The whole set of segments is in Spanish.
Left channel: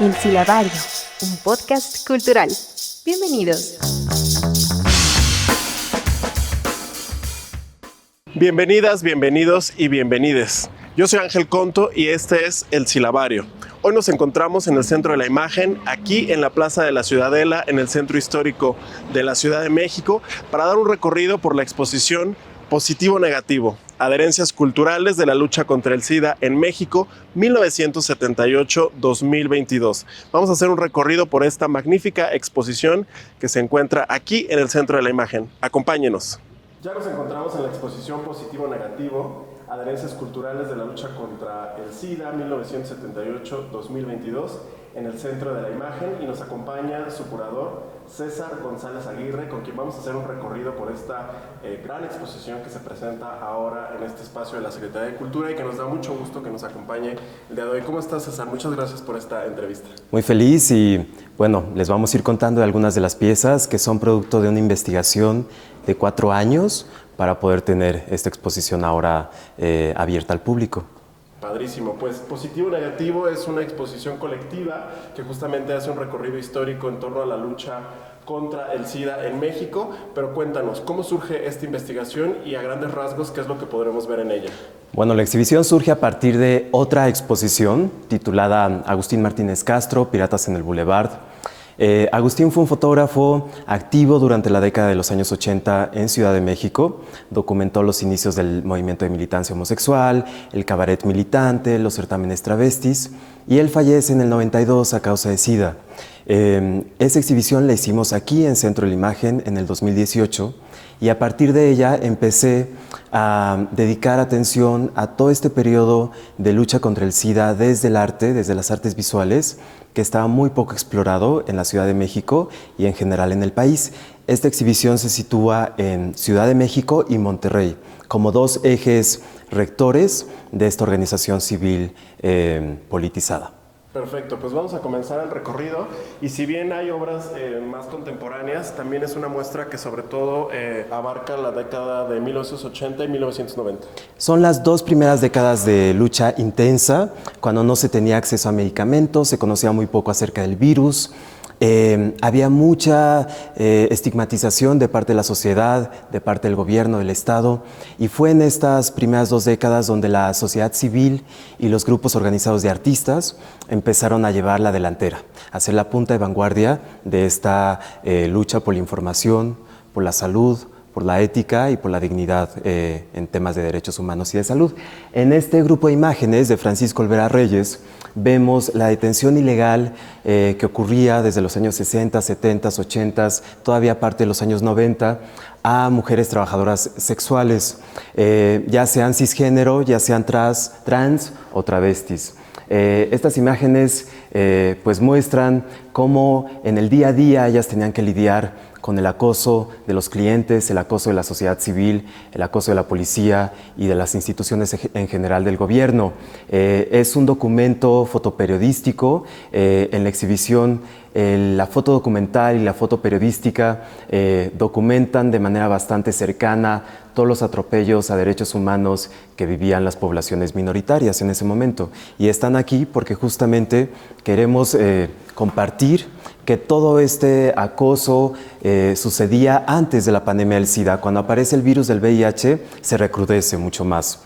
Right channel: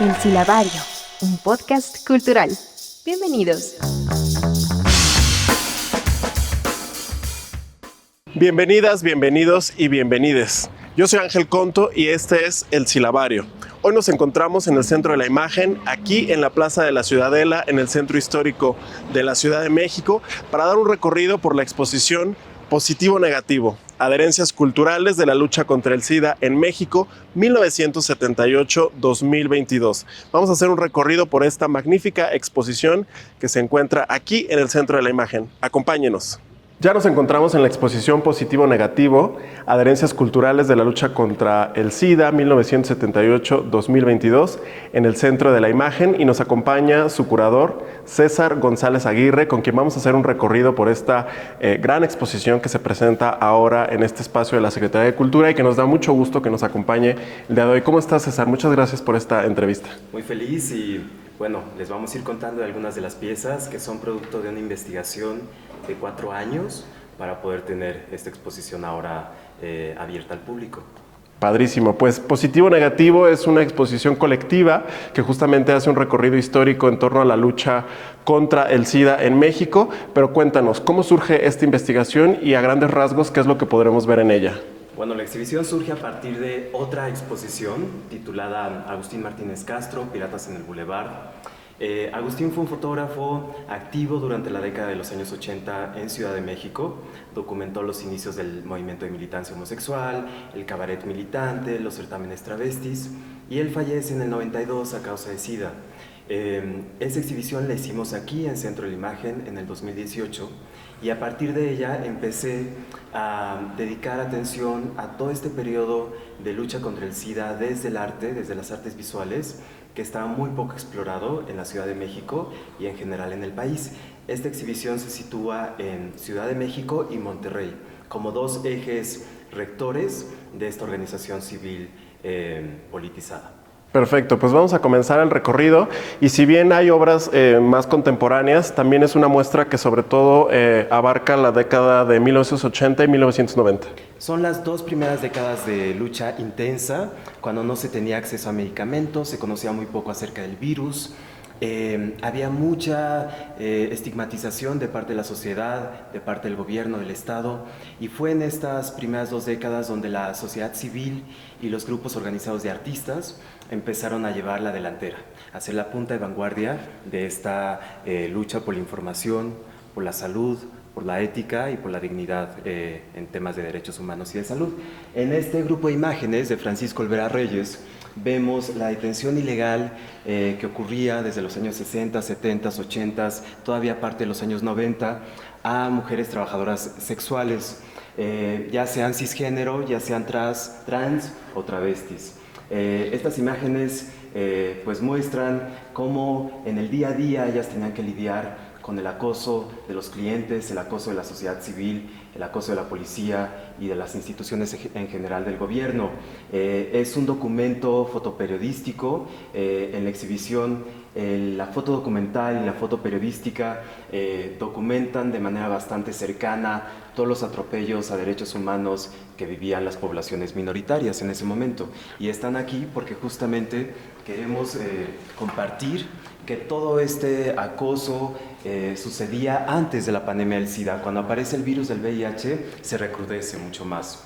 El Silabario, un podcast cultural. Bienvenidos. Bienvenidas, bienvenidos y bienvenides. Yo soy Ángel Conto y este es El Silabario. Hoy nos encontramos en el Centro de la Imagen, aquí en la Plaza de la Ciudadela, en el Centro Histórico de la Ciudad de México, para dar un recorrido por la exposición Positivo-Negativo, adherencias culturales de la lucha contra el SIDA en México, 1978-2022. Vamos a hacer un recorrido por esta magnífica exposición que se encuentra aquí en el Centro de la Imagen. Acompáñenos. Ya nos encontramos en la exposición Positivo-Negativo, adherencias culturales de la lucha contra el SIDA 1978-2022 en el Centro de la Imagen, y nos acompaña su curador César González Aguirre, con quien vamos a hacer un recorrido por esta gran exposición que se presenta ahora en este espacio de la Secretaría de Cultura y que nos da mucho gusto que nos acompañe el día de hoy. ¿Cómo estás, César? Muchas gracias por esta entrevista. Muy feliz y bueno, les vamos a ir contando de algunas de las piezas que son producto de una investigación de 4 años para poder tener esta exposición ahora abierta al público. Padrísimo. Pues Positivo-Negativo es una exposición colectiva que justamente hace un recorrido histórico en torno a la lucha contra el SIDA en México, pero cuéntanos, ¿cómo surge esta investigación y a grandes rasgos qué es lo que podremos ver en ella? Bueno, la exhibición surge a partir de otra exposición titulada Agustín Martínez Castro, Piratas en el Boulevard. Agustín fue un fotógrafo activo durante la década de los años 80 en Ciudad de México. Documentó los inicios del movimiento de militancia homosexual, el cabaret militante, los certámenes travestis, y él fallece en el 92 a causa de SIDA. Esa exhibición la hicimos aquí en Centro de la Imagen en el 2018, y a partir de ella empecé a dedicar atención a todo este periodo de lucha contra el SIDA desde el arte, desde las artes visuales, que estaba muy poco explorado en la Ciudad de México y en general en el país. Esta exhibición se sitúa en Ciudad de México y Monterrey, como dos ejes rectores de esta organización civil politizada. Perfecto, pues vamos a comenzar el recorrido, y si bien hay obras más contemporáneas, también es una muestra que sobre todo abarca la década de 1980 y 1990. Son las 2 primeras décadas de lucha intensa, cuando no se tenía acceso a medicamentos, se conocía muy poco acerca del virus. Había mucha estigmatización de parte de la sociedad, de parte del gobierno, del Estado, y fue en estas primeras 2 décadas donde la sociedad civil y los grupos organizados de artistas empezaron a llevar la delantera, a ser la punta de vanguardia de esta lucha por la información, por la salud, por la ética y por la dignidad en temas de derechos humanos y de salud. En este grupo de imágenes de Francisco Olvera Reyes vemos la detención ilegal que ocurría desde los años 60, 70, 80, todavía parte de los años 90, a mujeres trabajadoras sexuales, ya sean cisgénero, ya sean trans o travestis. Estas imágenes pues muestran cómo en el día a día ellas tenían que lidiar con el acoso de los clientes, el acoso de la sociedad civil, el acoso de la policía y de las instituciones en general del gobierno. Es un documento fotoperiodístico. En la exhibición, la foto documental y la foto periodística documentan de manera bastante cercana todos los atropellos a derechos humanos que vivían las poblaciones minoritarias en ese momento. Y están aquí porque justamente queremos compartir que todo este acoso sucedía antes de la pandemia del SIDA. Cuando aparece el virus del VIH, se recrudece mucho más.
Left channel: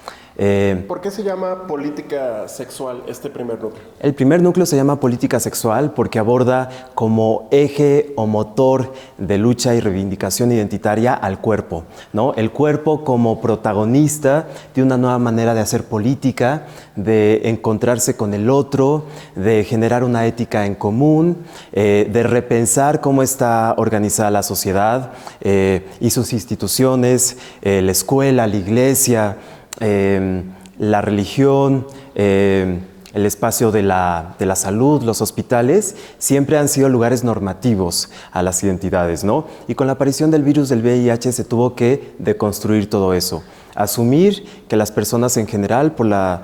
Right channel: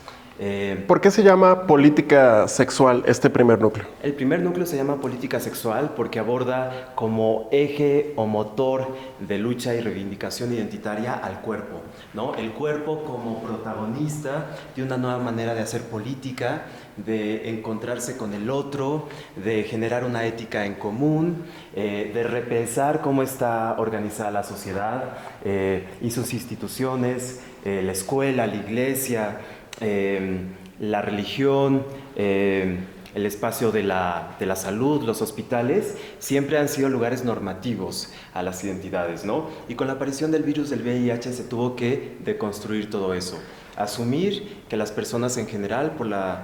¿Por qué se llama política sexual este primer núcleo? El primer núcleo se llama política sexual porque aborda como eje o motor de lucha y reivindicación identitaria al cuerpo, ¿no? El cuerpo como protagonista de una nueva manera de hacer política, de encontrarse con el otro, de generar una ética en común, de repensar cómo está organizada la sociedad y sus instituciones, la escuela, la iglesia, la religión, el espacio de la salud, los hospitales, siempre han sido lugares normativos a las identidades, ¿no? Y con la aparición del virus del VIH se tuvo que deconstruir todo eso. Asumir que las personas en general, por la,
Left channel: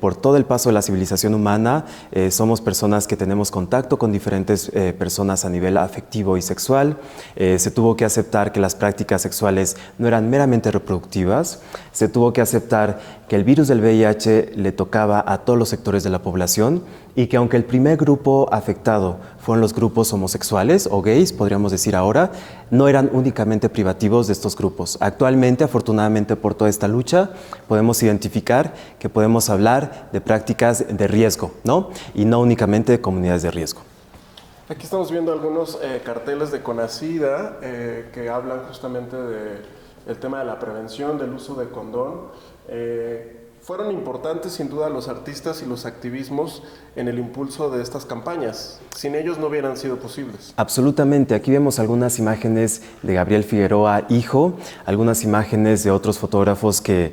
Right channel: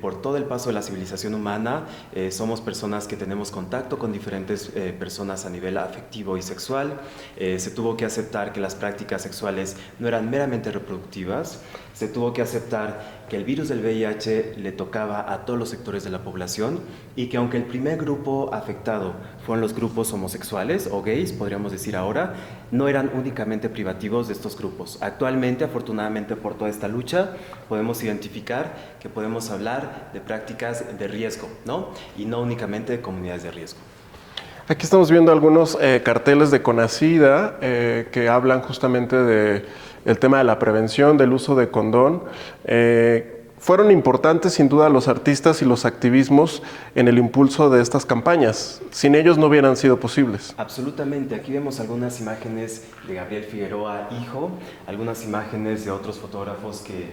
por todo el paso de la civilización humana, somos personas que tenemos contacto con diferentes personas a nivel afectivo y sexual. Se tuvo que aceptar que las prácticas sexuales no eran meramente reproductivas. Se tuvo que aceptar que el virus del VIH le tocaba a todos los sectores de la población y que aunque el primer grupo afectado fueron los grupos homosexuales o gays, podríamos decir ahora, no eran únicamente privativos de estos grupos. Actualmente, afortunadamente por toda esta lucha, podemos identificar que podemos hablar de prácticas de riesgo, ¿no? Y no únicamente de comunidades de riesgo. Aquí estamos viendo algunos carteles de Conacida que hablan justamente del tema de la prevención, del uso de condón. Fueron importantes sin duda los artistas y los activismos en el impulso de estas campañas. Sin ellos no hubieran sido posibles. Absolutamente. Aquí vemos algunas imágenes de Gabriel Figueroa, hijo, algunas imágenes de otros fotógrafos que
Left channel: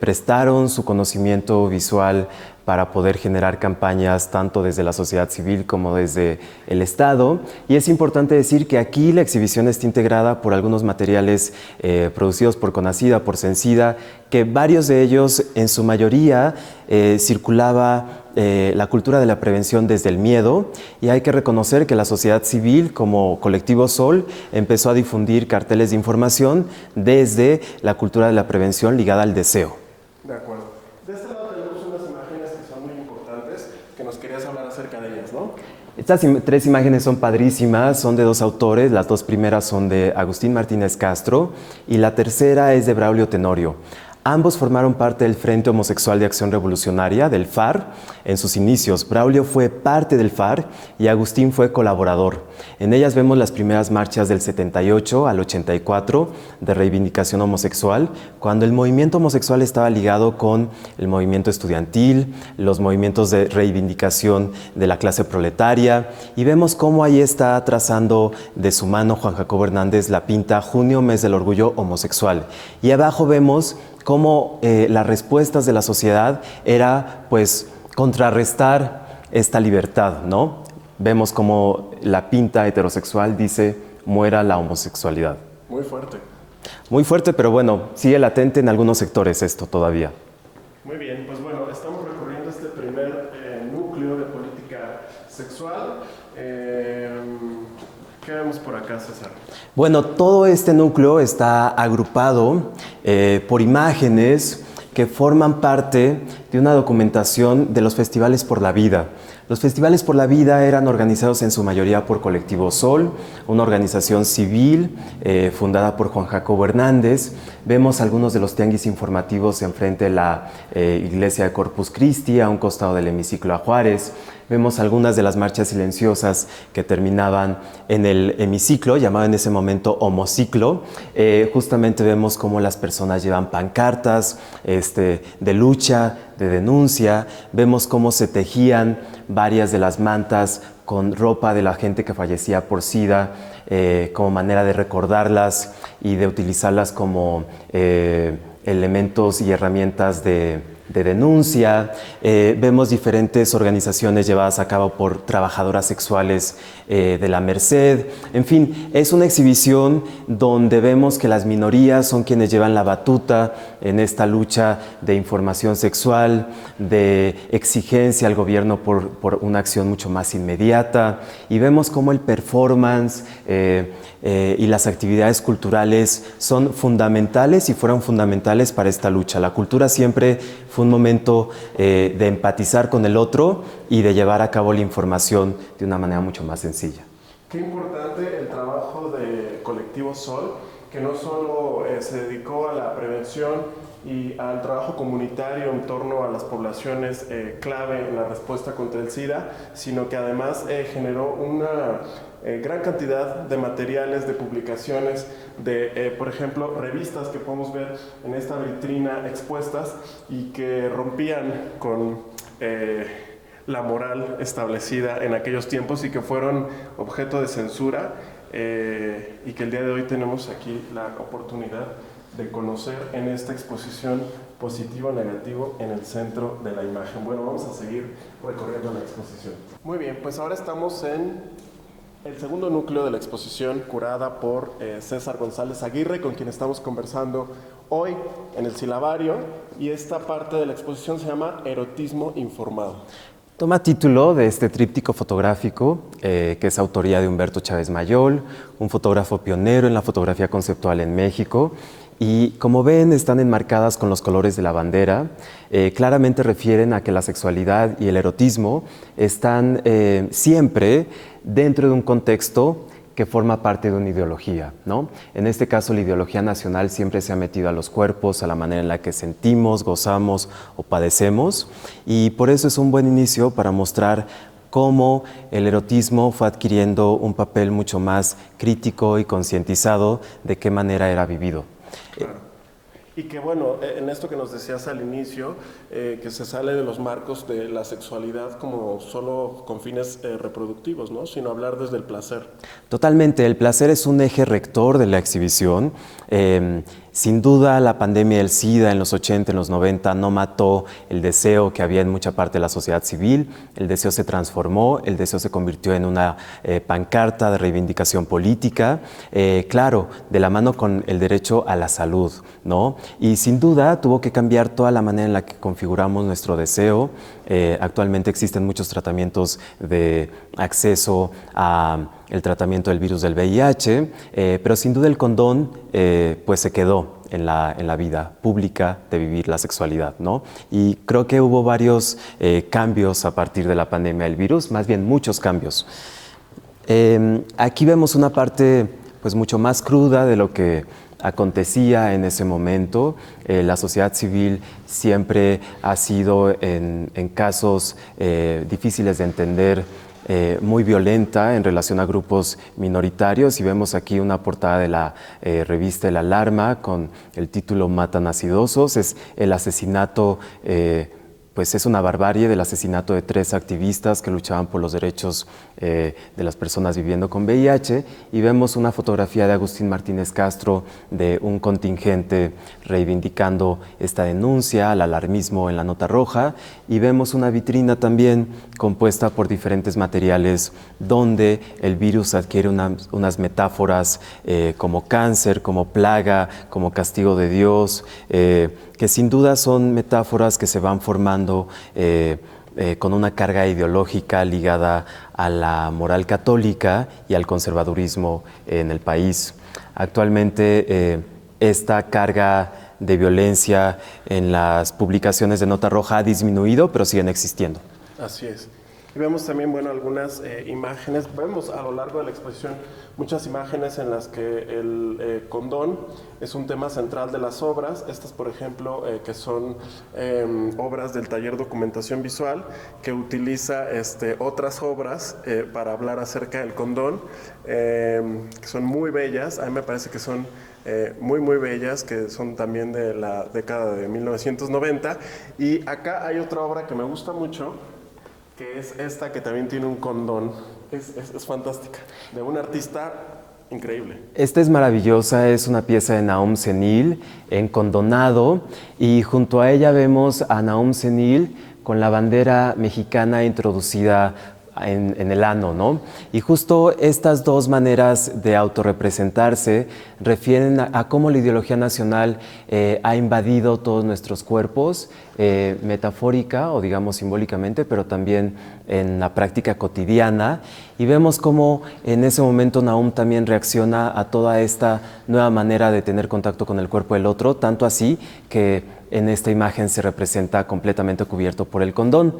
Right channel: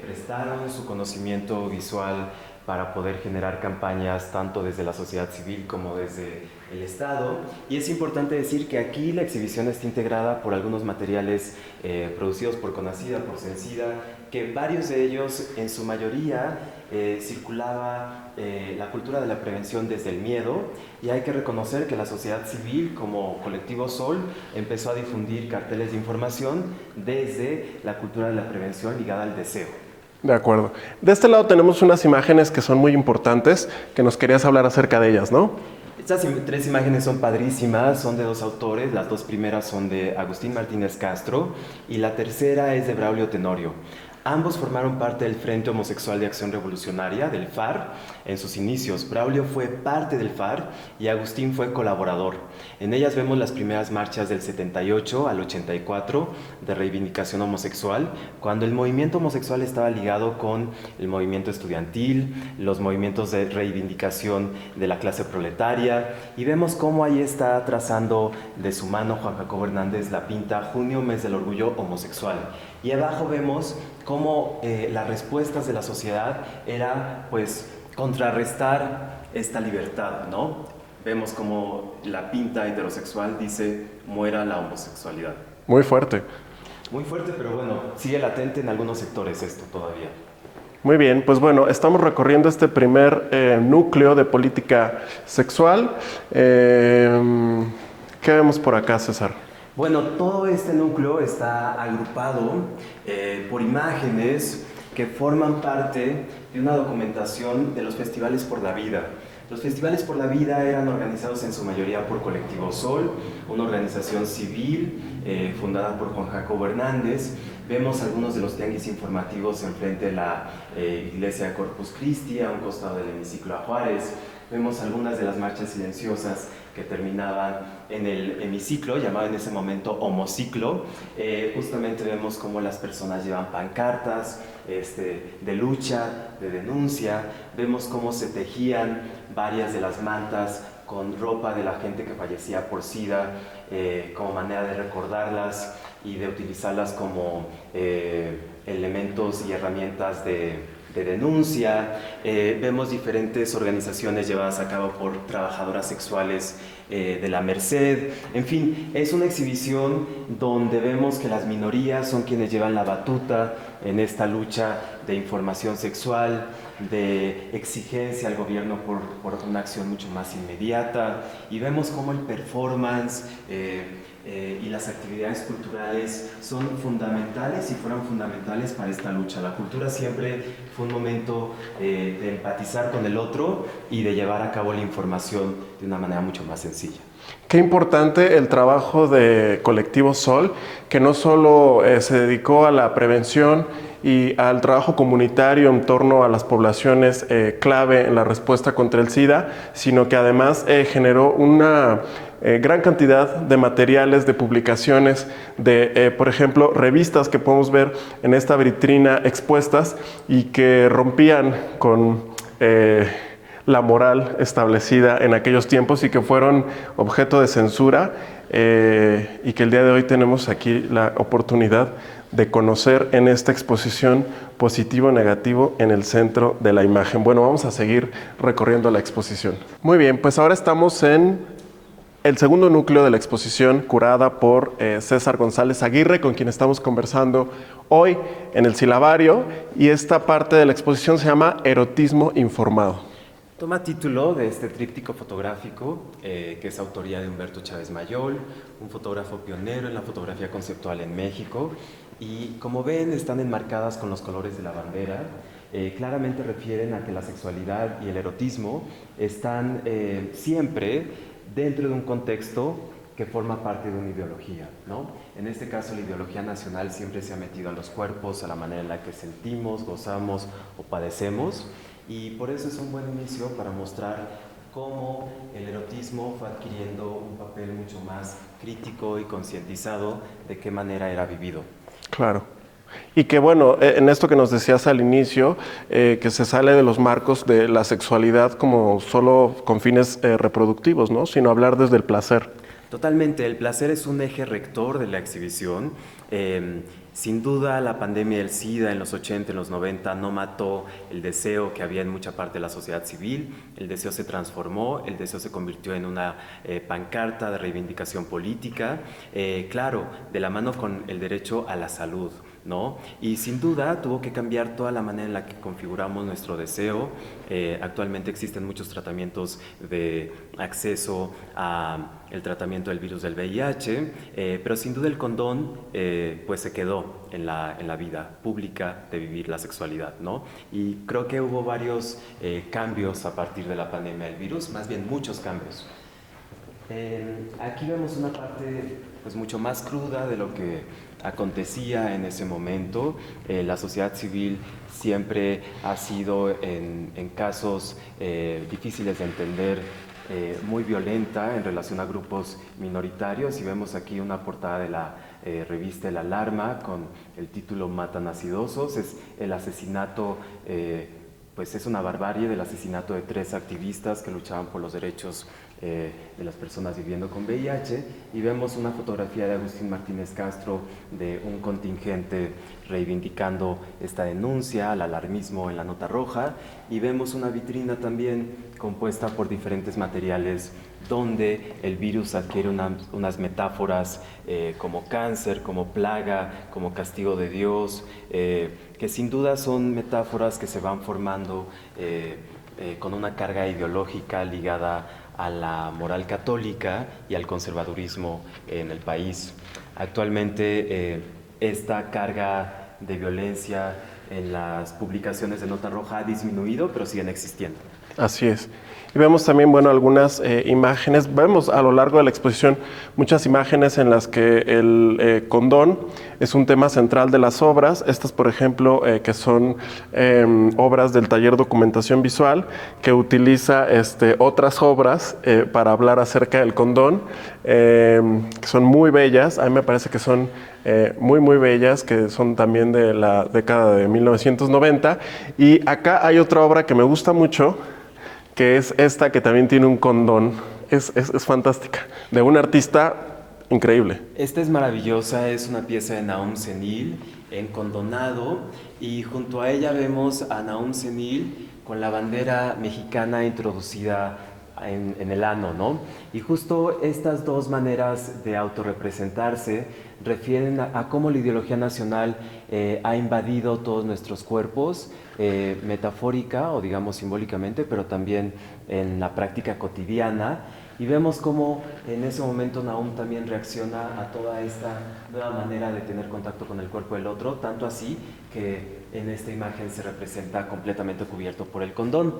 prestaron su conocimiento visual para poder generar campañas tanto desde la sociedad civil como desde el Estado. Y es importante decir que aquí la exhibición está integrada por algunos materiales producidos por Conacida, por Sencida, que varios de ellos, en su mayoría, circulaba la cultura de la prevención desde el miedo, y hay que reconocer que la sociedad civil como Colectivo Sol empezó a difundir carteles de información desde la cultura de la prevención ligada al deseo. De acuerdo. De este lado tenemos unas imágenes que son muy importantes, que nos querías hablar acerca de ellas, ¿no? Estas tres imágenes son padrísimas, son de dos autores. Las dos primeras son de Agustín Martínez Castro y la tercera es de Braulio Tenorio. Ambos formaron parte del Frente Homosexual de Acción Revolucionaria, del FAR, en sus inicios. Braulio fue parte del FAR y Agustín fue colaborador. En ellas vemos las primeras marchas del 78 al 84 de reivindicación homosexual, cuando el movimiento homosexual estaba ligado con el movimiento estudiantil, los movimientos de reivindicación de la clase proletaria, y vemos cómo ahí está trazando de su mano Juan Jacobo Hernández la pinta Junio, mes del orgullo homosexual. Y abajo vemos cómo las respuestas de la sociedad era, pues, contrarrestar esta libertad, ¿no? Vemos como la pinta heterosexual dice, muera la homosexualidad. Muy fuerte. Muy fuerte, pero bueno, sigue latente en algunos sectores esto todavía. Muy bien, pues bueno, estamos recorriendo este primer núcleo de política sexual. ¿Qué vemos por acá, César? Bueno, todo este núcleo está agrupado por imágenes que forman parte de una documentación de los Festivales por la Vida. Los Festivales por la Vida eran organizados en su mayoría por Colectivo Sol, una organización civil fundada por Juan Jacobo Hernández. Vemos algunos de los tianguis informativos enfrente de la iglesia de Corpus Christi, a un costado del hemiciclo a Juárez. Vemos algunas de las marchas silenciosas que terminaban en el hemiciclo, llamado en ese momento homociclo. Justamente vemos cómo las personas llevan pancartas de lucha, de denuncia. Vemos cómo se tejían varias de las mantas con ropa de la gente que fallecía por SIDA, como manera de recordarlas y de utilizarlas como elementos y herramientas de denuncia. Vemos diferentes organizaciones llevadas a cabo por trabajadoras sexuales de la Merced. En fin, es una exhibición donde vemos que las minorías son quienes llevan la batuta en esta lucha de información sexual, de exigencia al gobierno por una acción mucho más inmediata, y vemos cómo el performance y las actividades culturales son fundamentales y fueron fundamentales para esta lucha. La cultura siempre fue un momento de empatizar con el otro y de llevar a cabo la información de una manera mucho más sencilla. Qué importante el trabajo de Colectivo Sol, que no solo se dedicó a la prevención y al trabajo comunitario en torno a las poblaciones clave en la respuesta contra el SIDA, sino que además generó una gran cantidad de materiales, de publicaciones, de, por ejemplo, revistas que podemos ver en esta vitrina expuestas y que rompían con la moral establecida en aquellos tiempos y que fueron objeto de censura, y que el día de hoy tenemos aquí la oportunidad de conocer en esta exposición positivo o negativo en el centro de la imagen. Bueno, vamos a seguir recorriendo la exposición. Muy bien, pues ahora estamos en el segundo núcleo de la exposición, curada por César González Aguirre, con quien estamos conversando hoy en el Silabario, y esta parte de la exposición se llama Erotismo Informado. Toma título de este tríptico fotográfico, que es autoría de Humberto Chávez Mayol, un fotógrafo pionero en la fotografía conceptual en México, Y como ven, están enmarcadas con los colores de la bandera. Claramente refieren a que la sexualidad y el erotismo están siempre dentro de un contexto que forma parte de una ideología, ¿no? En este caso, la ideología nacional siempre se ha metido a los cuerpos, a la manera en la que sentimos, gozamos o padecemos, y por eso es un buen inicio para mostrar cómo el erotismo fue adquiriendo un papel mucho más crítico y concientizado de qué manera era vivido. Claro. Y que bueno, en esto que nos decías al inicio, que se sale de los marcos de la sexualidad como solo con fines reproductivos, ¿no? Sino hablar desde el placer. Totalmente, el placer es un eje rector de la exhibición. Sin duda, la pandemia del SIDA en los 80, en los 90 no mató el deseo que había en mucha parte de la sociedad civil. El deseo se transformó, el deseo se convirtió en una pancarta de reivindicación política, claro, de la mano con el derecho a la salud, ¿no? Y sin duda tuvo que cambiar toda la manera en la que configuramos nuestro deseo. Actualmente existen muchos tratamientos de acceso a el tratamiento del virus del VIH, pero sin duda el condón pues se quedó en la vida pública de vivir la sexualidad, ¿no? Y creo que hubo varios cambios a partir de la pandemia del virus, más bien muchos cambios. Aquí vemos una parte pues mucho más cruda de lo que acontecía en ese momento. La sociedad civil siempre ha sido en casos difíciles de entender, muy violenta en relación a grupos minoritarios, y vemos aquí una portada de la revista El Alarma con el título Matan acidosos. Es el asesinato, pues es una barbarie del asesinato de 3 activistas que luchaban por los derechos de las personas viviendo con VIH, y vemos una fotografía de Agustín Martínez Castro de un contingente reivindicando esta denuncia al alarmismo en la nota roja, y vemos una vitrina también compuesta por diferentes materiales donde el virus adquiere unas metáforas como cáncer, como plaga, como castigo de Dios, que sin duda son metáforas que se van formando con una carga ideológica ligada a la moral católica y al conservadurismo en el país. Actualmente esta carga de violencia en las publicaciones de nota roja ha disminuido, pero siguen existiendo. Así es. Y vemos también, bueno, algunas imágenes. Vemos a lo largo de la exposición muchas imágenes en las que el condón es un tema central de las obras. Estas, por ejemplo, que son obras del taller Documentación Visual, que utiliza otras obras para hablar acerca del condón, que son muy bellas. A mí me parece que son muy bellas, que son también de la década de 1990. Y acá hay otra obra que me gusta mucho, que es esta, que también tiene un condón. Es fantástica, de un artista increíble. Esta es maravillosa, es una pieza de Nahum Senil en condonado, y junto a ella vemos a Nahum Senil con la bandera mexicana introducida en el ano, ¿no? Y justo estas dos maneras de autorrepresentarse refieren a cómo la ideología nacional ha invadido todos nuestros cuerpos, metafórica o digamos simbólicamente, pero también en la práctica cotidiana, y vemos cómo en ese momento Nahum también reacciona a toda esta nueva manera de tener contacto con el cuerpo del otro, tanto así que en esta imagen se representa completamente cubierto por el condón.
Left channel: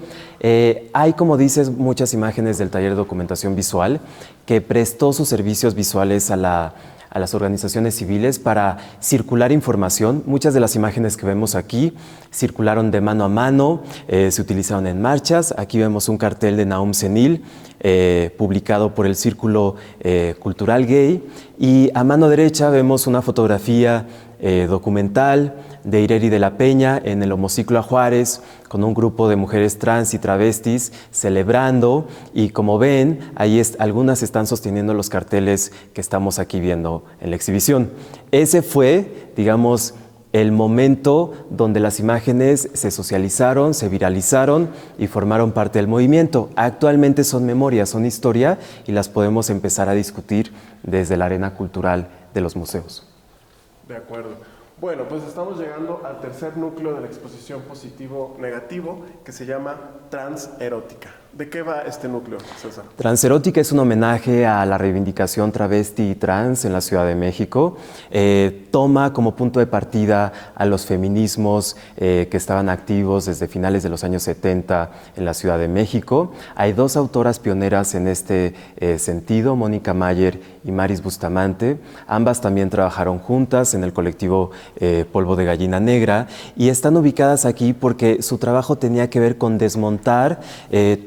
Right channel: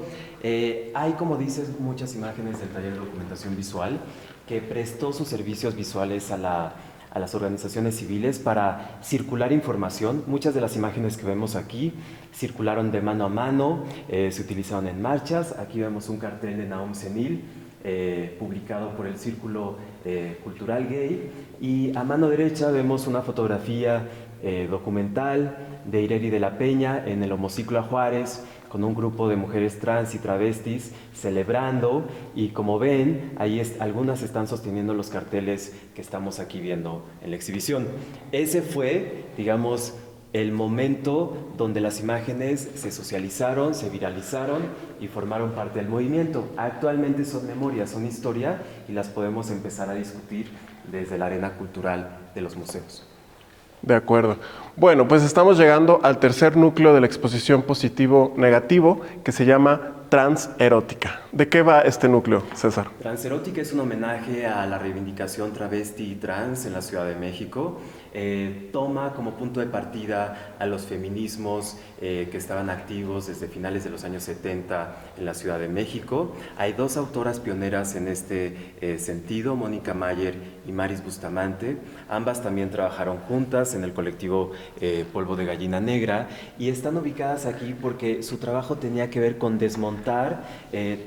Hay, como dices, muchas imágenes del taller de documentación visual que prestó sus servicios visuales a las organizaciones civiles para circular información. Muchas de las imágenes que vemos aquí circularon de mano a mano, se utilizaron en marchas. Aquí vemos un cartel de Nahum Senil, publicado por el Círculo Cultural Gay, y a mano derecha vemos una fotografía documental de Ireri de la Peña en el Homociclo a Juárez, con un grupo de mujeres trans y travestis celebrando, y como ven, ahí algunas están sosteniendo los carteles que estamos aquí viendo en la exhibición. Ese fue, digamos, el momento donde las imágenes se socializaron, se viralizaron y formaron parte del movimiento. Actualmente son memoria, son historia, y las podemos empezar a discutir desde la arena cultural de los museos. De acuerdo. Bueno, pues estamos llegando al tercer núcleo de la exposición positivo-negativo, que se llama Transerótica. ¿De qué va este núcleo, César? Transerótica es un homenaje a la reivindicación travesti y trans en la Ciudad de México. Toma como punto de partida a los feminismos que estaban activos desde finales de los años 70 en la Ciudad de México. Hay dos autoras pioneras en este sentido, Mónica Mayer y Maris Bustamante. Ambas también trabajaron juntas en el colectivo Polvo de Gallina Negra y están ubicadas aquí porque su trabajo tenía que ver con desmontar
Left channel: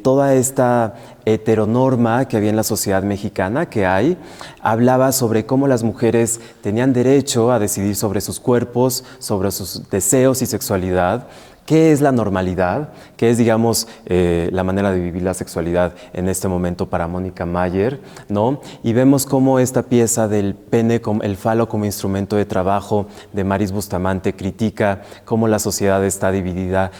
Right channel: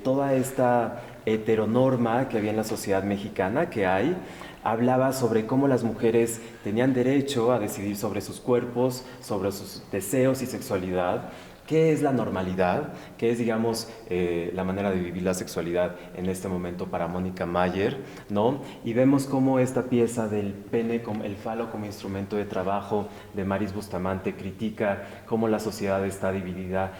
toda esta heteronorma que había en la sociedad mexicana, que hay. Hablaba sobre cómo las mujeres tenían derecho a decidir sobre sus cuerpos, sobre sus deseos y sexualidad. ¿Qué es la normalidad? ¿Qué es, digamos, la manera de vivir la sexualidad en este momento para Mónica Mayer, ¿no? Y vemos cómo esta pieza del pene, el falo como instrumento de trabajo de Maris Bustamante critica cómo la sociedad está dividida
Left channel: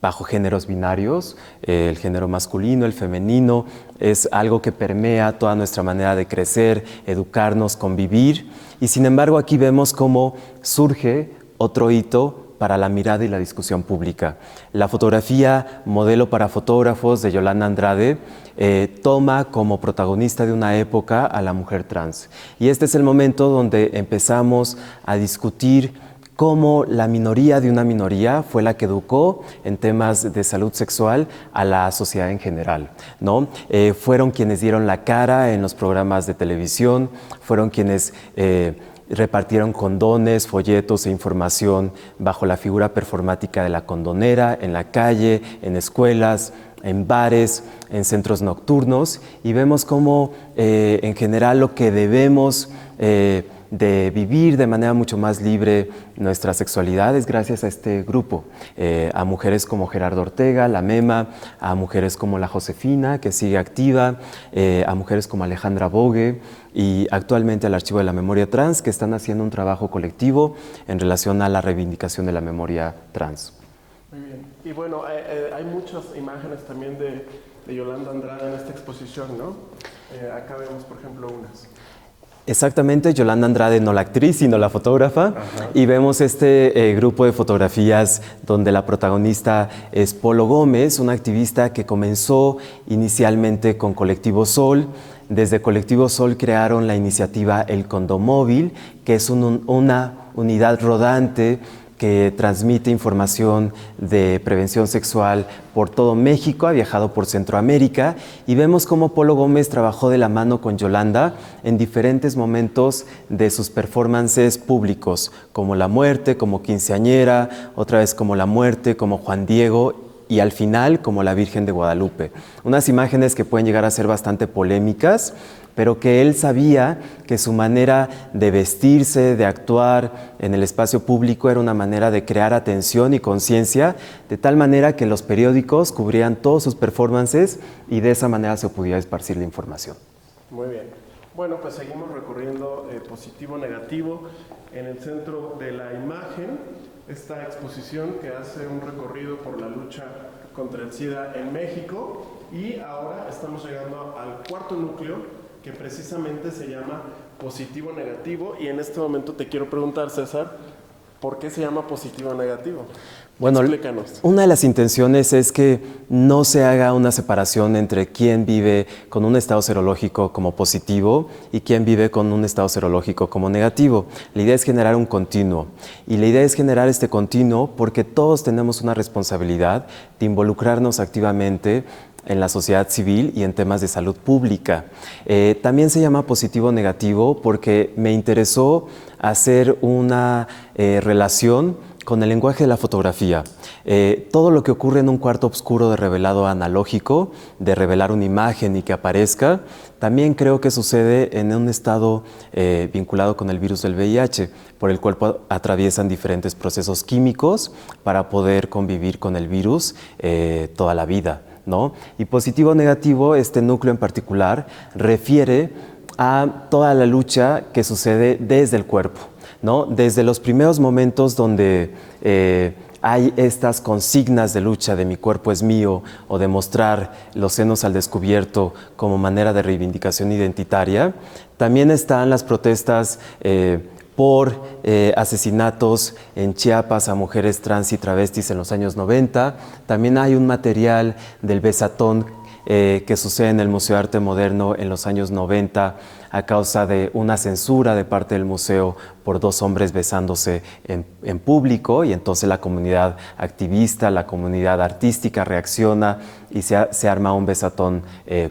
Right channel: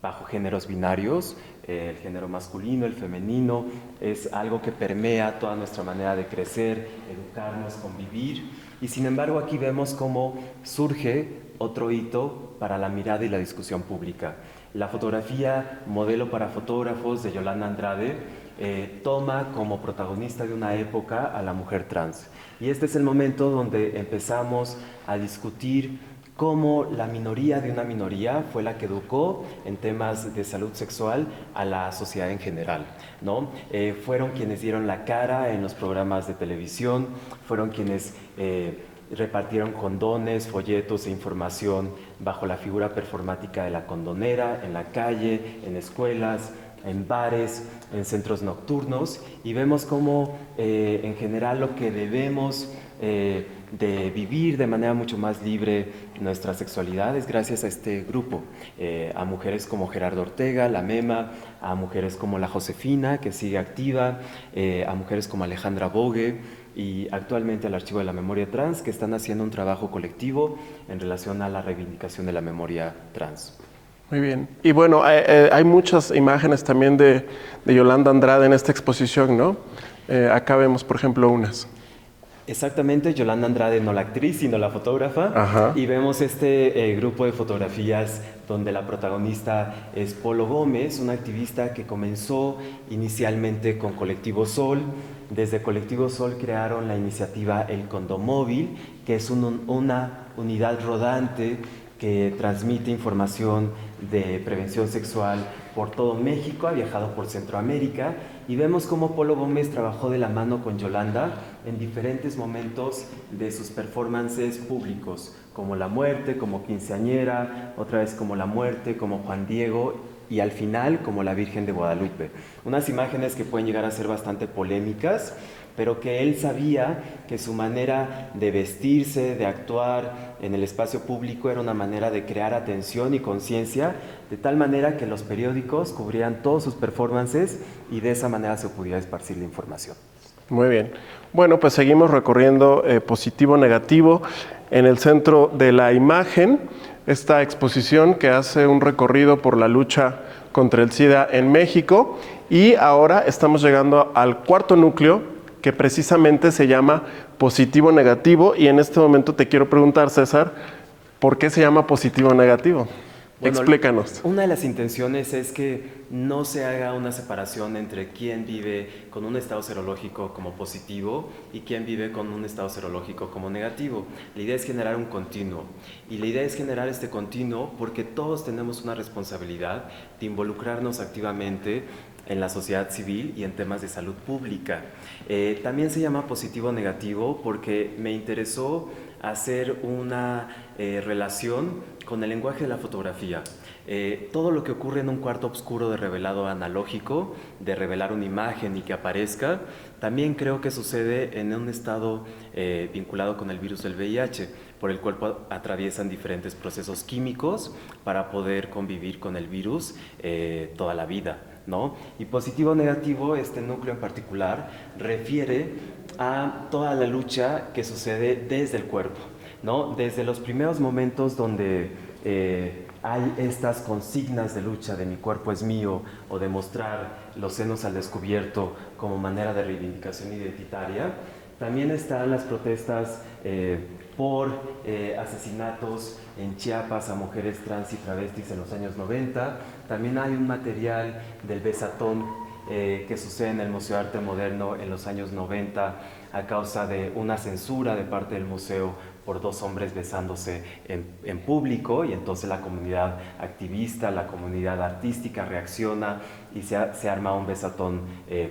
bajo géneros binarios, el género masculino, el femenino, es algo que permea toda nuestra manera de crecer, educarnos, convivir. Y sin embargo aquí vemos cómo surge otro hito para la mirada y la discusión pública. La fotografía Modelo para fotógrafos de Yolanda Andrade toma como protagonista de una época a la mujer trans. Y este es el momento donde empezamos a discutir cómo la minoría de una minoría fue la que educó en temas de salud sexual a la sociedad en general, ¿no? Fueron quienes dieron la cara en los programas de televisión, fueron quienes repartieron condones, folletos e información bajo la figura performática de la condonera, en la calle, en escuelas, en bares, en centros nocturnos, y vemos cómo en general lo que debemos de vivir de manera mucho más libre nuestra sexualidad es gracias a este grupo, a mujeres como Gerardo Ortega, la Mema, a mujeres como la Josefina, que sigue activa, a mujeres como Alejandra Bogue y actualmente al Archivo de la Memoria Trans, que están haciendo un trabajo colectivo en relación a la reivindicación de la memoria trans. Muy bien. Y bueno, hay muchas imágenes también de Yolanda Andrade en esta exposición, ¿no? Acá vemos, por ejemplo, unas. Exactamente, Yolanda Andrade, no la actriz, sino la fotógrafa. Ajá. Y vemos este grupo de fotografías donde la protagonista es Polo Gómez, una activista que comenzó inicialmente con Colectivo Sol. Desde Colectivo Sol crearon la iniciativa El Condomóvil, que es una unidad rodante que transmite información de prevención sexual por todo México, ha viajado por Centroamérica y vemos cómo Polo Gómez trabajó de la mano con Yolanda en diferentes momentos de sus performances públicos, como La Muerte, como Quinceañera, otra vez como La Muerte, como Juan Diego y al final como La Virgen de Guadalupe. Unas imágenes que pueden llegar a ser bastante polémicas, pero que él sabía que su manera de vestirse, de actuar en el espacio público era una manera de crear atención y conciencia, de tal manera que los periódicos cubrían todos sus performances y de esa manera se podía esparcir la información. Muy bien. Bueno, pues seguimos recorriendo positivo-negativo en el centro de la imagen, esta exposición que hace un recorrido por la lucha contra el SIDA en México y ahora estamos llegando al cuarto núcleo, que precisamente se llama positivo-negativo, y en este momento te quiero preguntar, César, ¿por qué se llama positivo-negativo? Bueno, explícanos. Una de las intenciones es que no se haga una separación entre quién vive con un estado serológico como positivo y quién vive con un estado serológico como negativo. La idea es generar un continuo, y la idea es generar este continuo porque todos tenemos una responsabilidad de involucrarnos activamente en la sociedad civil y en temas de salud pública. También se llama positivo-negativo porque me interesó hacer una relación con el lenguaje de la fotografía. Todo lo que ocurre en un cuarto oscuro de revelado analógico, de revelar una imagen y que aparezca, también creo que sucede en un estado vinculado con el virus del VIH, por el cual atraviesan diferentes procesos químicos para poder convivir con el virus toda la vida, ¿no? Y positivo o negativo, este núcleo en particular, refiere a toda la lucha que sucede desde el cuerpo, ¿no? Desde los primeros momentos donde hay estas consignas de lucha de mi cuerpo es mío o de mostrar los senos al descubierto como manera de reivindicación identitaria, también están las protestas por asesinatos en Chiapas a mujeres trans y travestis en los años 90. También hay un material del Besatón que sucede en el Museo de Arte Moderno en los años 90 a causa de una censura de parte del museo por dos hombres besándose en público, y entonces la comunidad activista, la comunidad artística reacciona y se arma un besatón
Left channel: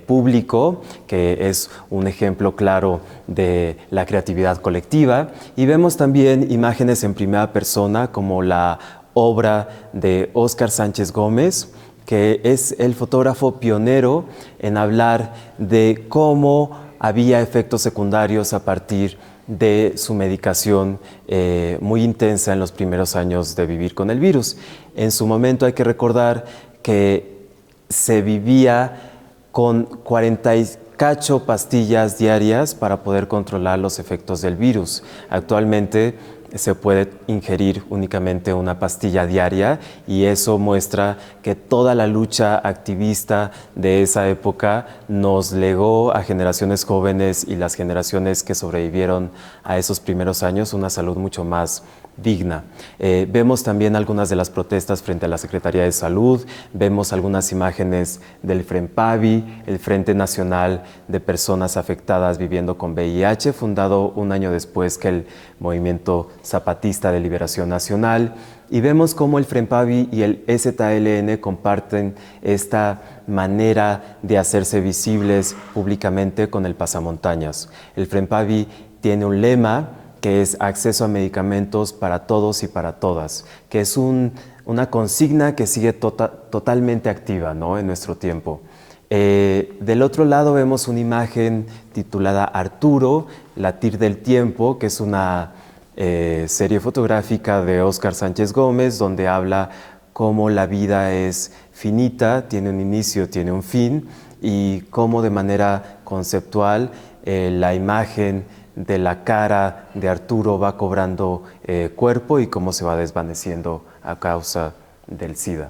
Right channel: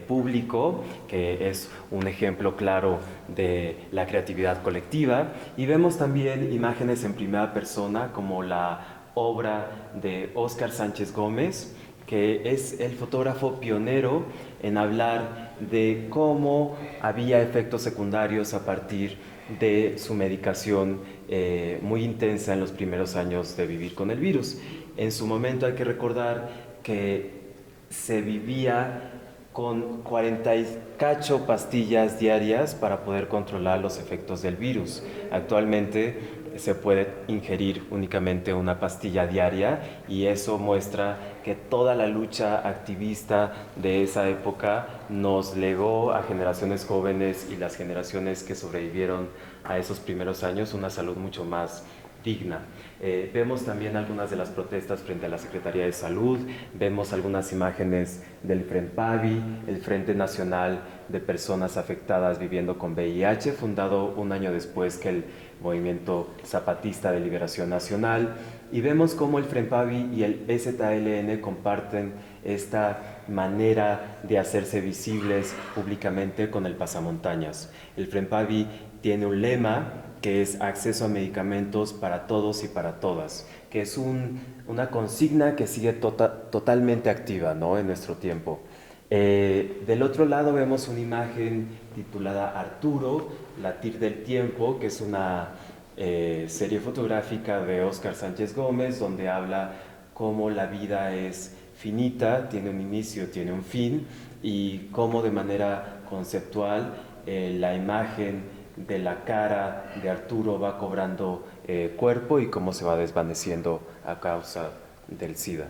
público, que es un ejemplo claro de la creatividad colectiva. Y vemos también imágenes en primera persona como la obra de Óscar Sánchez Gómez, que es el fotógrafo pionero en hablar de cómo había efectos secundarios a partir de su medicación muy intensa en los primeros años de vivir con el virus. En su momento hay que recordar que se vivía con 40 y cacho pastillas diarias para poder controlar los efectos del virus. Actualmente se puede ingerir únicamente una pastilla diaria, y eso muestra que toda la lucha activista de esa época nos legó a generaciones jóvenes y las generaciones que sobrevivieron a esos primeros años una salud mucho más digna. Vemos también algunas de las protestas frente a la Secretaría de Salud, vemos algunas imágenes del FRENPAVI, el Frente Nacional de Personas Afectadas Viviendo con VIH, fundado un año después que el Movimiento Zapatista de Liberación Nacional, y vemos cómo el FRENPAVI y el EZLN comparten esta manera de hacerse visibles públicamente con el pasamontañas. El FRENPAVI tiene un lema que es acceso a medicamentos para todos y para todas, que es una consigna que sigue totalmente activa, ¿no?, en nuestro tiempo. Del otro lado vemos una imagen titulada Arturo, Latir del Tiempo, que es una serie fotográfica de Óscar Sánchez Gómez, donde habla cómo la vida es finita, tiene un inicio, tiene un fin, y cómo de manera conceptual la imagen de la cara de Arturo va cobrando cuerpo y cómo se va desvaneciendo a causa del SIDA.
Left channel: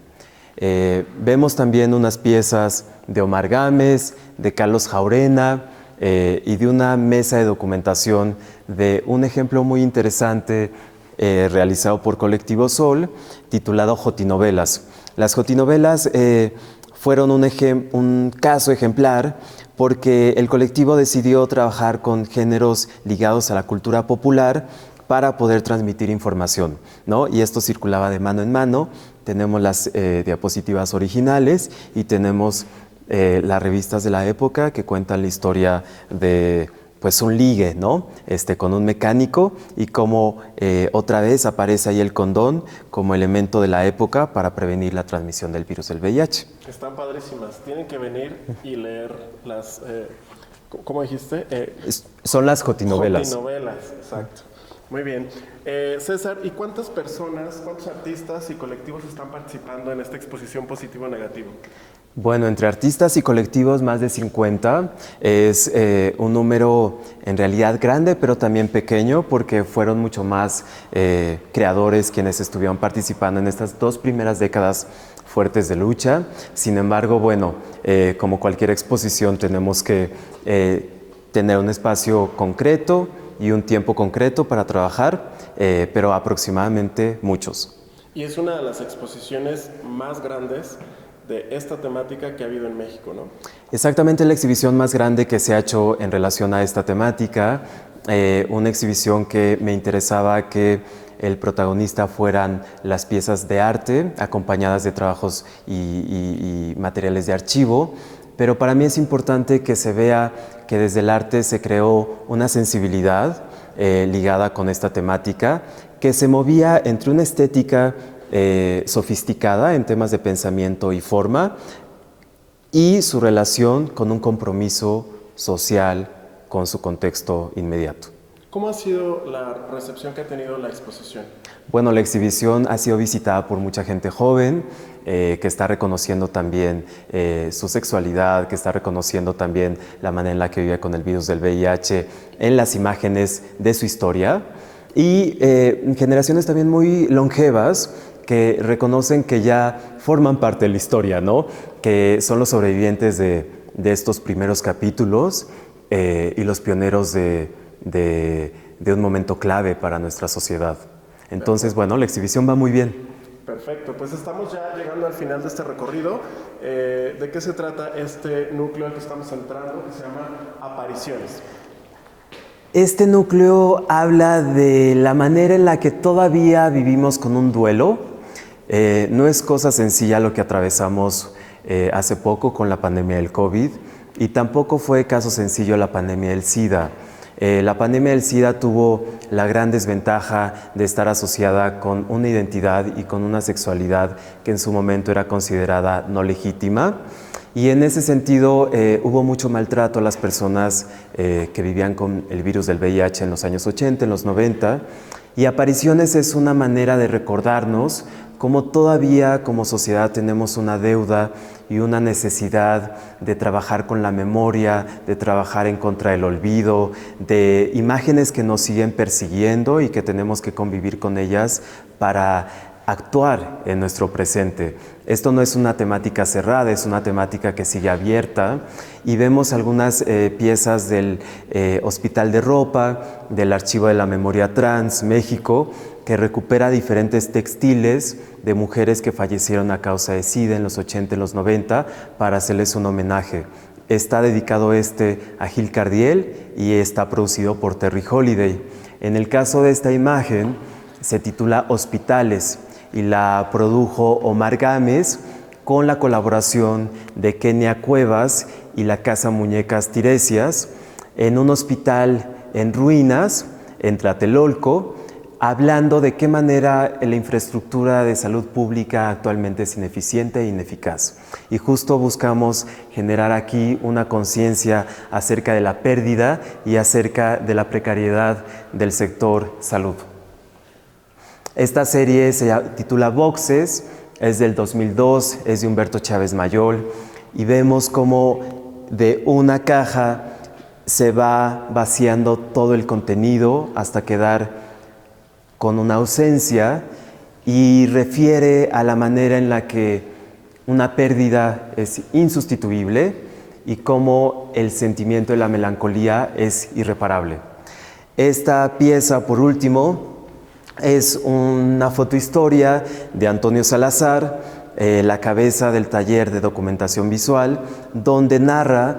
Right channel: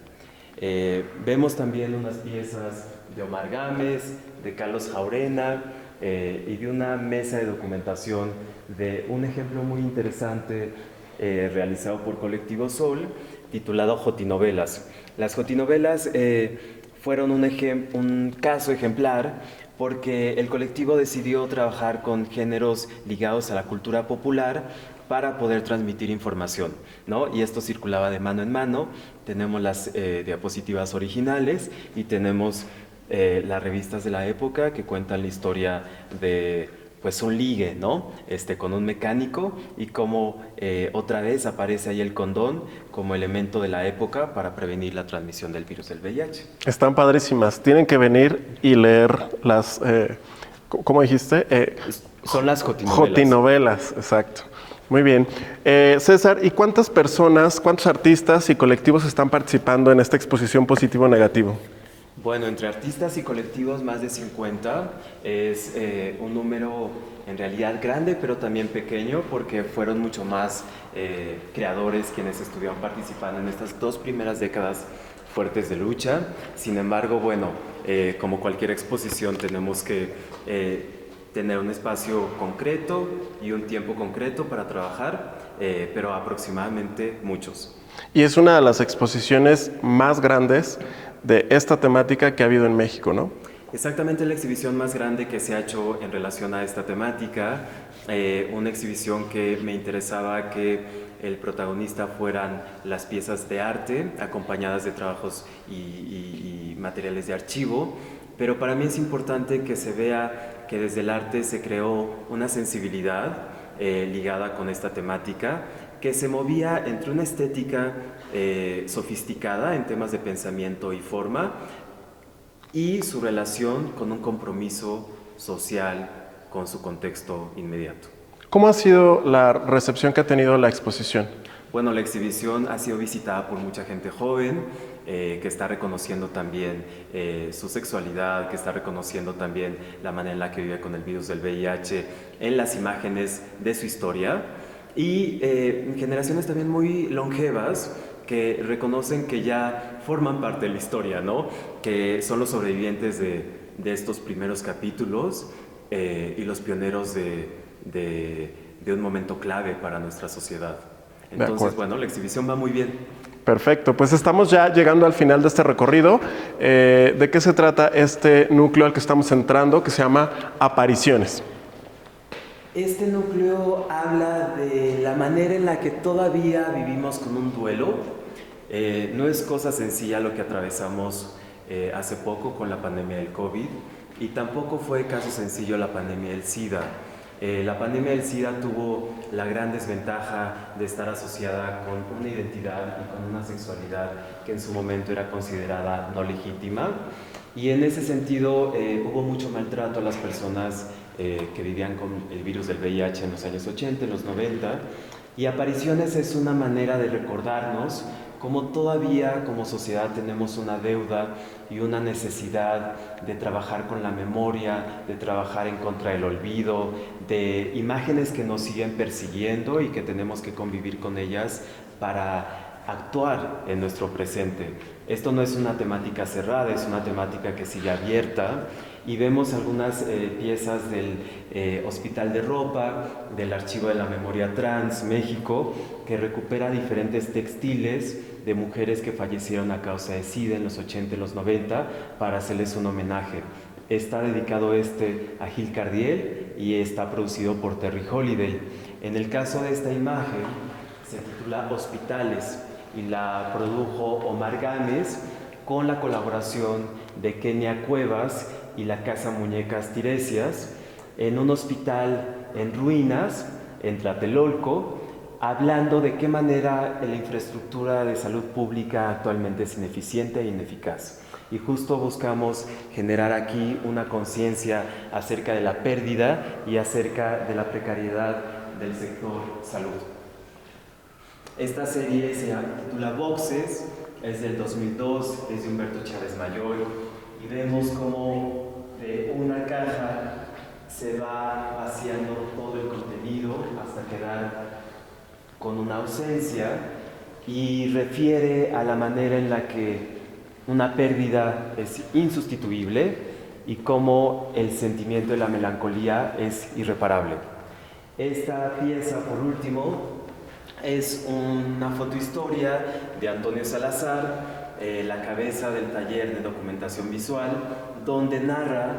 Vemos también unas piezas de Omar Gámez, de Carlos Jaurena, y de una mesa de documentación de un ejemplo muy interesante realizado por Colectivo Sol, titulado Jotinovelas. Las Jotinovelas fueron un caso ejemplar porque el colectivo decidió trabajar con géneros ligados a la cultura popular para poder transmitir información, ¿no? Y esto circulaba de mano en mano. Tenemos las diapositivas originales y tenemos las revistas de la época que cuentan la historia de pues un ligue, ¿no? Con un mecánico, y cómo otra vez aparece ahí el condón como elemento de la época para prevenir la transmisión del virus del VIH. Están padrísimas. Tienen que venir y leer las, ¿cómo dijiste? Son las jotinovelas. Jotinovelas, exacto. Muy bien. César, ¿y cuántas personas, cuántos artistas y colectivos están participando en esta exposición positivo-negativo? Bueno, entre artistas y colectivos más de 50, es un número en realidad grande, pero también pequeño, porque fueron mucho más creadores quienes estuvieron participando en estas 2 primeras décadas fuertes de lucha. Sin embargo, bueno, como cualquier exposición tenemos que tener un espacio concreto y un tiempo concreto para trabajar, pero aproximadamente muchos. Y es una de las exposiciones más grandes de esta temática que ha habido en México, ¿no? Exactamente, la exhibición más grande que se ha hecho en relación a esta temática, una exhibición que me interesaba que el protagonista fueran las piezas de arte acompañadas de trabajos y materiales de archivo, pero para mí es importante que se vea que desde el arte se creó una sensibilidad ligada con esta temática que se movía entre una estética sofisticada en temas de pensamiento y forma y su relación con un compromiso social con su contexto inmediato. ¿Cómo ha sido la recepción que ha tenido la exposición? Bueno, la exhibición ha sido visitada por mucha gente joven que está reconociendo también su sexualidad, que está reconociendo también la manera en la que vive con el virus del VIH en las imágenes de su historia, y generaciones también muy longevas que reconocen que ya forman parte de la historia, ¿no? Que son los sobrevivientes de estos primeros capítulos y los pioneros de un momento clave para nuestra sociedad. Entonces, bueno, la exhibición va muy bien. Perfecto, pues estamos ya llegando al final de este recorrido. ¿De qué se trata este núcleo al que estamos entrando, que se llama Apariciones? Este núcleo habla de la manera en la que todavía vivimos con un duelo. No es cosa sencilla lo que atravesamos hace poco con la pandemia del COVID, y tampoco fue caso sencillo la pandemia del SIDA. La pandemia del SIDA tuvo la gran desventaja de estar asociada con una identidad y con una sexualidad que en su momento era considerada no legítima. Y en ese sentido hubo mucho maltrato a las personas que vivían con el virus del VIH en los años 80, en los 90. Y Apariciones es una manera de recordarnos cómo todavía como sociedad tenemos una deuda y una necesidad de trabajar con la memoria, de trabajar en contra del olvido, de imágenes que nos siguen persiguiendo y que tenemos que convivir con ellas para actuar en nuestro presente. Esto no es una temática cerrada, es una temática que sigue abierta, y vemos algunas piezas del Hospital de Ropa, del Archivo de la Memoria Trans México, que recupera diferentes textiles de mujeres que fallecieron a causa de SIDA en los 80 y los 90 para hacerles un homenaje. Está dedicado a Gil Cardiel y está producido por Terry Holiday. En el caso de esta imagen, se titula Hospitales y la produjo Omar Gámez con la colaboración de Kenia Cuevas y la Casa Muñecas Tiresias en un hospital en ruinas en Tlatelolco, hablando de qué manera la infraestructura de salud pública actualmente es ineficiente e ineficaz. Y justo buscamos generar aquí una conciencia acerca de la pérdida y acerca de la precariedad del sector salud. Esta serie se titula Boxes, es del 2002, es de Humberto Chávez Mayol, y vemos cómo de una caja se va vaciando todo el contenido hasta quedar con una ausencia, y refiere a la manera en la que una pérdida es insustituible y cómo el sentimiento de la melancolía es irreparable. Esta pieza, por último, es una fotohistoria de Antonio Salazar, la cabeza del taller de documentación visual, donde narra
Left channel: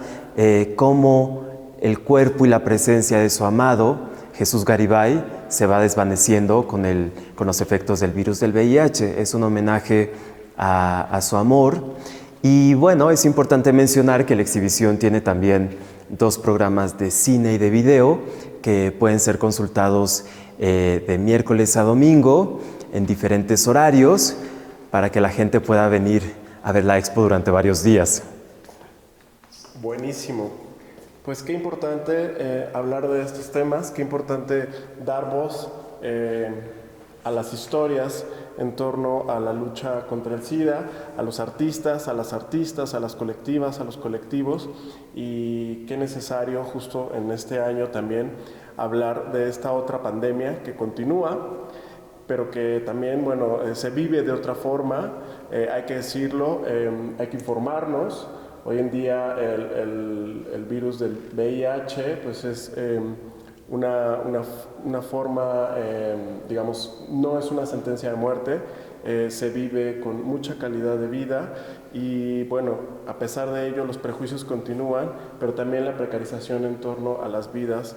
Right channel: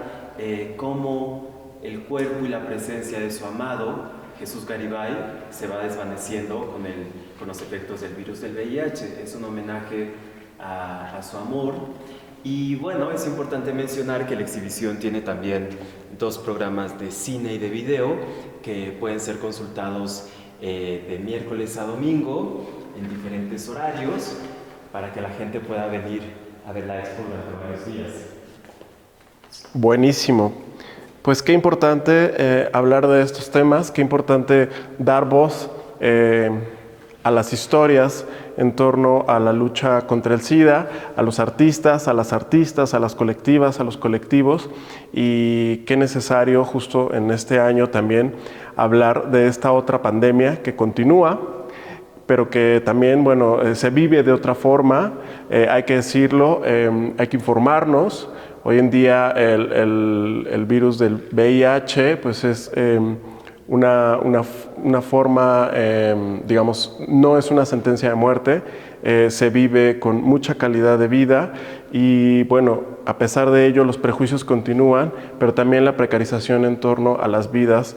cómo el cuerpo y la presencia de su amado, Jesús Garibay, se va desvaneciendo con los efectos del virus del VIH. Es un homenaje a su amor. Y bueno, es importante mencionar que la exhibición tiene también 2 programas de cine y de video que pueden ser consultados de miércoles a domingo en diferentes horarios para que la gente pueda venir a ver la expo durante varios días. Buenísimo. Pues qué importante hablar de estos temas, qué importante dar voz a las historias en torno a la lucha contra el SIDA, a los artistas, a las colectivas, a los colectivos, y qué necesario justo en este año también hablar de esta otra pandemia que continúa, pero que también, bueno, se vive de otra forma, hay que decirlo, hay que informarnos. Hoy en día el virus del VIH pues es una forma, digamos, no es una sentencia de muerte, se vive con mucha calidad de vida y bueno, a pesar de ello los prejuicios continúan, pero también la precarización en torno a las vidas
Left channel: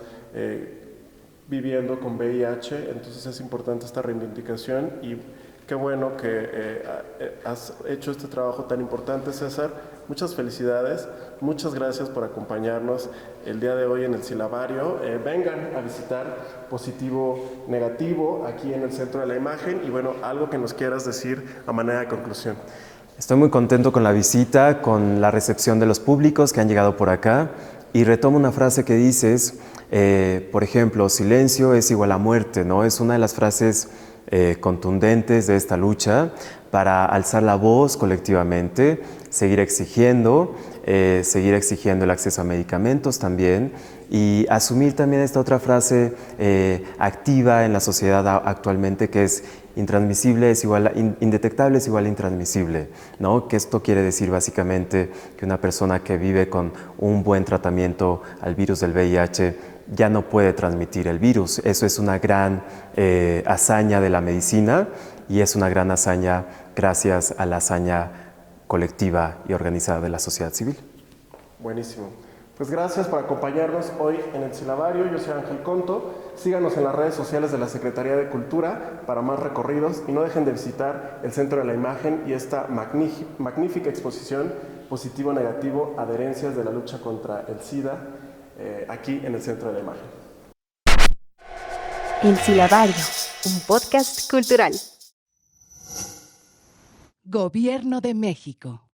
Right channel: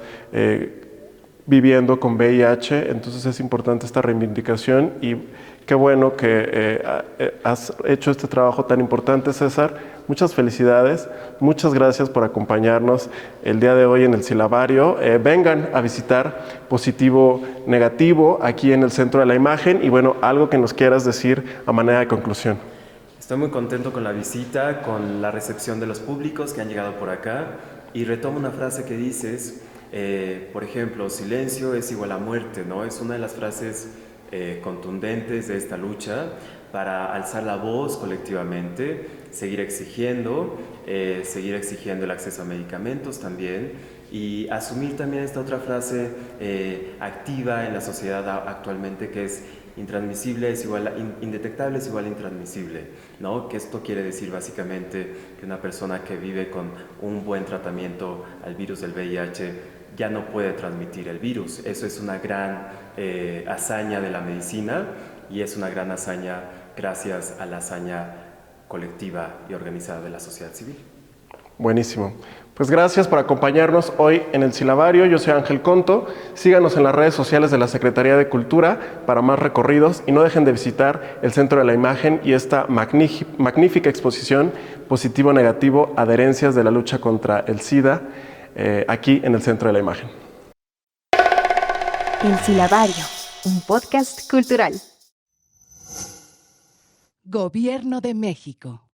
viviendo con VIH, entonces es importante esta reivindicación y qué bueno que has hecho este trabajo tan importante, César. Muchas felicidades, muchas gracias por acompañarnos el día de hoy en el Silabario. Vengan a visitar Positivo Negativo aquí en el Centro de la Imagen y bueno, algo que nos quieras decir a manera de conclusión. Estoy muy contento con la visita, con la recepción de los públicos que han llegado por acá, y retomo una frase que dices, por ejemplo, silencio es igual a muerte, ¿no? Es una de las frases contundentes de esta lucha para alzar la voz colectivamente, seguir exigiendo el acceso a medicamentos también, y asumir también esta otra frase activa en la sociedad actualmente, que es intransmisible es igual indetectable es igual a intransmisible, ¿no? Que esto quiere decir básicamente que una persona que vive con un buen tratamiento al virus del VIH ya no puede transmitir el virus. Eso es una gran hazaña de la medicina y es una gran hazaña gracias a la hazaña colectiva y organizada de la sociedad civil. Buenísimo. Pues gracias por acompañarnos hoy en el Silabario. Yo soy Ángel Conto. Síganos en las redes sociales de la Secretaría de Cultura para más recorridos y no dejen de visitar el Centro de la Imagen y esta magnífica exposición Positivo-Negativo, adherencias de la lucha contra el SIDA, aquí en el Centro de la Imagen. El Silabario, un podcast cultural. Gobierno de México.